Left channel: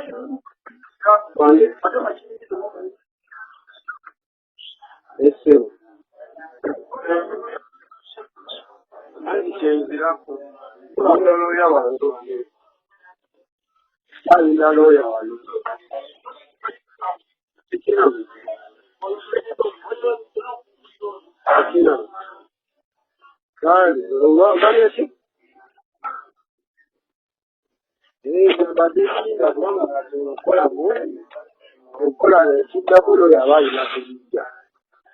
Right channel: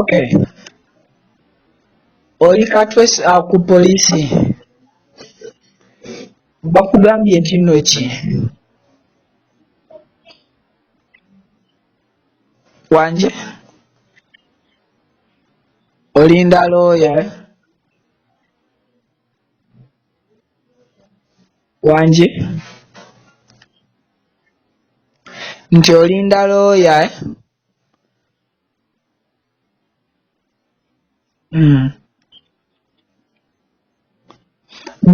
Okay. Oli katwe ku polisi bakugambye kino ki wanje olinda looya wanje nti olinda looya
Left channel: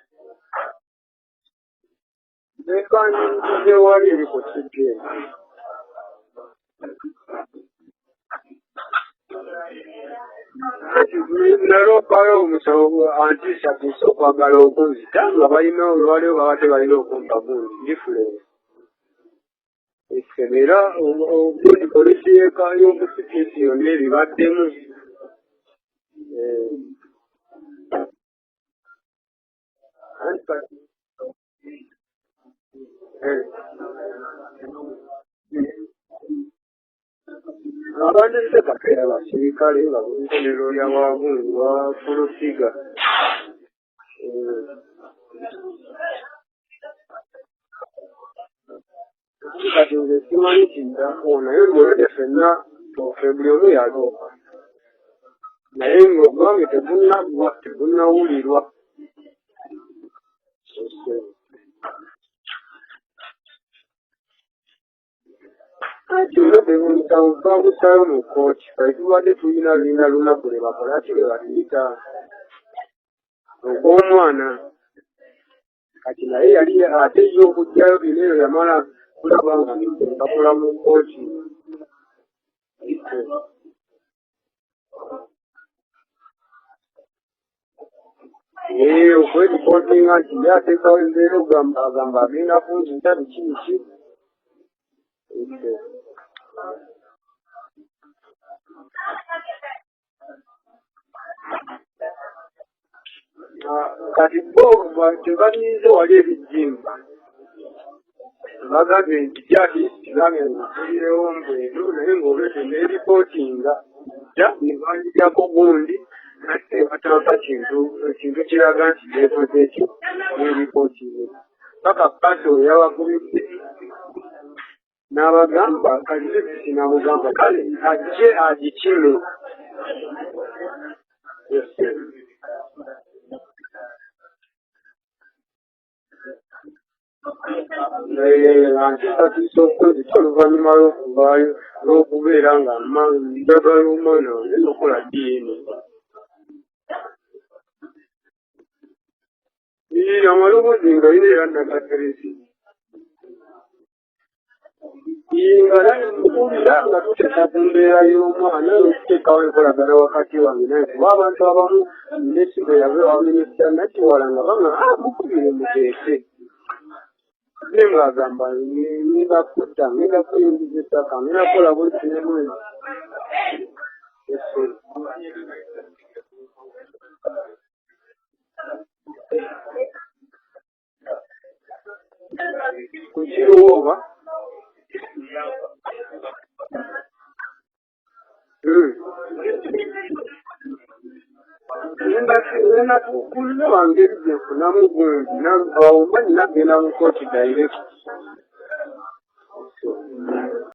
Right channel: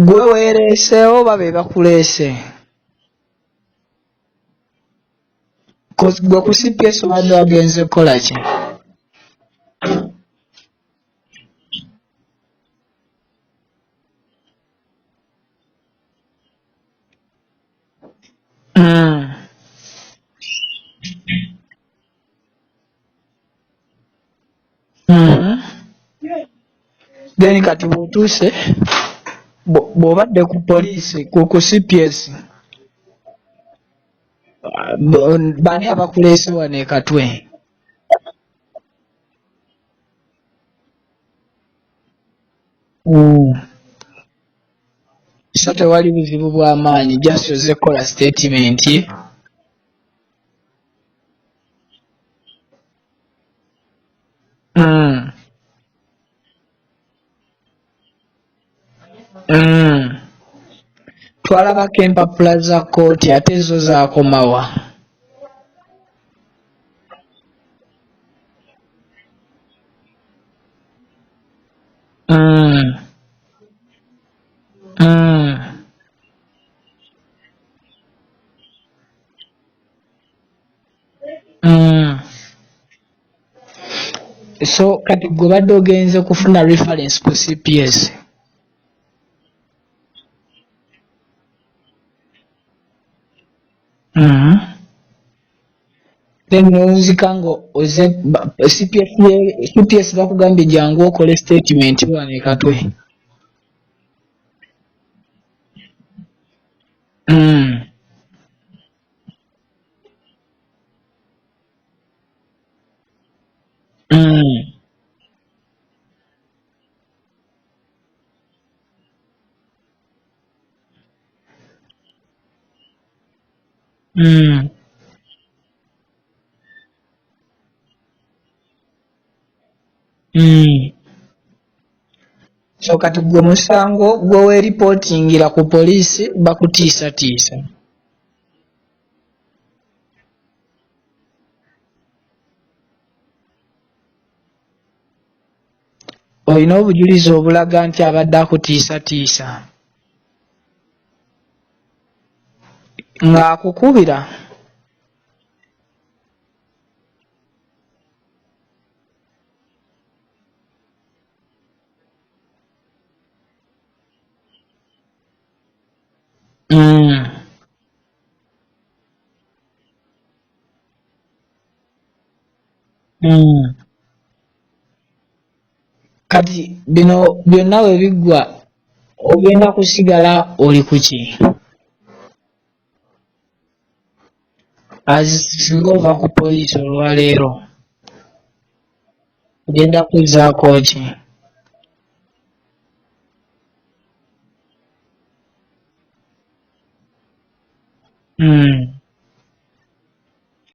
gwe weereeseewo babe bakuleese gwe ku CPS obadde wagenze kukola ki naloopayo omusawo antisatiisa okwagala okunzita nga balina olwaliwo baba tebalina okumpa gundi difference era polisi y'omusikisi yonna ebibaddemu then kati butuuse bw'obadde ku poliisi ku CPS bani abakuleese wano e Katwe abandese Katwe abasirikale nga bulikolero lya wagungu wa Fulusiga so tewali buzibu bw'amaanyi just oze kukola statement kati nze simanyi kidda naye ng'olwedde ffenna February omu yaloopa naye ng'ogwange tegunnawulirwa twalabako empapula za kkooti ate zo zaakomawa twabusayo mu kkooti tubadde tulina lunaku lwe bakola ki lwe batuyita ogw'omwana kati naye yali ate yo okujjayo bino eyo yamala kulaba nga empapula mu kkooti so kati gwe badde ogenze kufuna reference ku CPS okweripotinga nti ye ateekawo embeera agamba agenda kunzita biki then nonzika ngo oze CPS bakugambye jangu okole statement wano e Katwe kati bo tebalinze wali ebijjimba bagambye nti jati kigambe nzirewo mbweru naye ng'olwedde n'eripootinga banjiryako gundi ate bataaka kintu kiraga nti yeekoze ekyo n'eripootinga paka paso yabagumidde n'abagamba kalizekisi n'amugamba kale ajje agikime so kati gwe musango gwe weeripootingira ku poliisi bakutiisatiisa antisatiisa okwezita oluvannyuma lw'okuvaayo lw'okubeera nga njagala omwana wange nokola DNA olina obujulizi obulaga nti abadde akutiisatiisa amaloboozi nga yina era nagateresi ng'akukubira nga naye mukubira nga tuteeka ku mbeera y'omwana n'okuteekawo enkolagana wakati wange naye kuba abantu abamu minisita yave wa minisita nakiwala nga banga mukubire muteese naye ng'agamba ngakutta ngakuyingiza ettaka ngakola buli kinemwezi kati bino byonna we biggwa ogenda kusigala oli ku ki kukiruwooba singa ova ku poliisi olwaleero genda kuzzaako ki kulina bange ebyo nfunamu gundi navaawo manyi nagenda mu kooti direct